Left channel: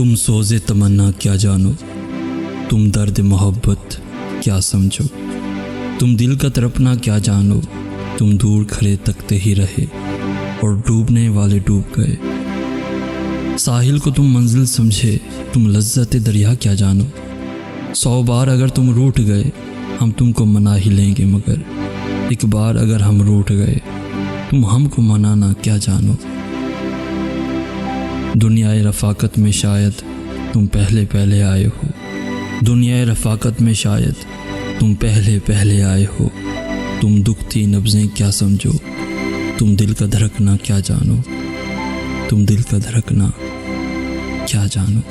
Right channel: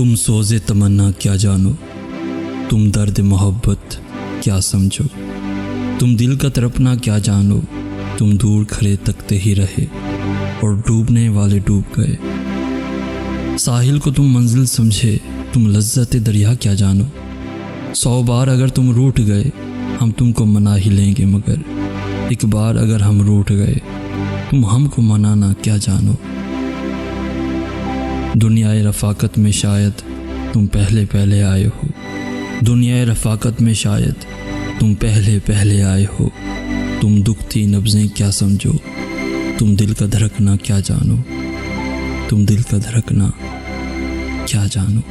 तुम सोज़े तमन्ना क्या जानो, तुम दर्द मोहब्बत क्या समझो। तुम दिल का तड़पना क्या जानो, तुम दूर खड़े तकते ही रहे और डूबने वाले डूब गए। साहिल को तुम मंजिल समझे, तुम लज्जत दरिया क्या जानो। 100 बार अगर तुम रूठ गए, हम तुमको मना ही लेंगे, मगर एक बार अगर हम रूठ गए, तुम हमको मनाना क्या जानो। दुनियाए रफ़ाकत में शायद तुम पहले पहले आए हो, दुनियाए रफ़ाकत में शायद तुम पहले पहले आए हो। तुम दुखती नब्ज़ें क्या समझो, तुम दिल का धड़कना क्या जानो, तुम दिल का धड़कना क्या जानो।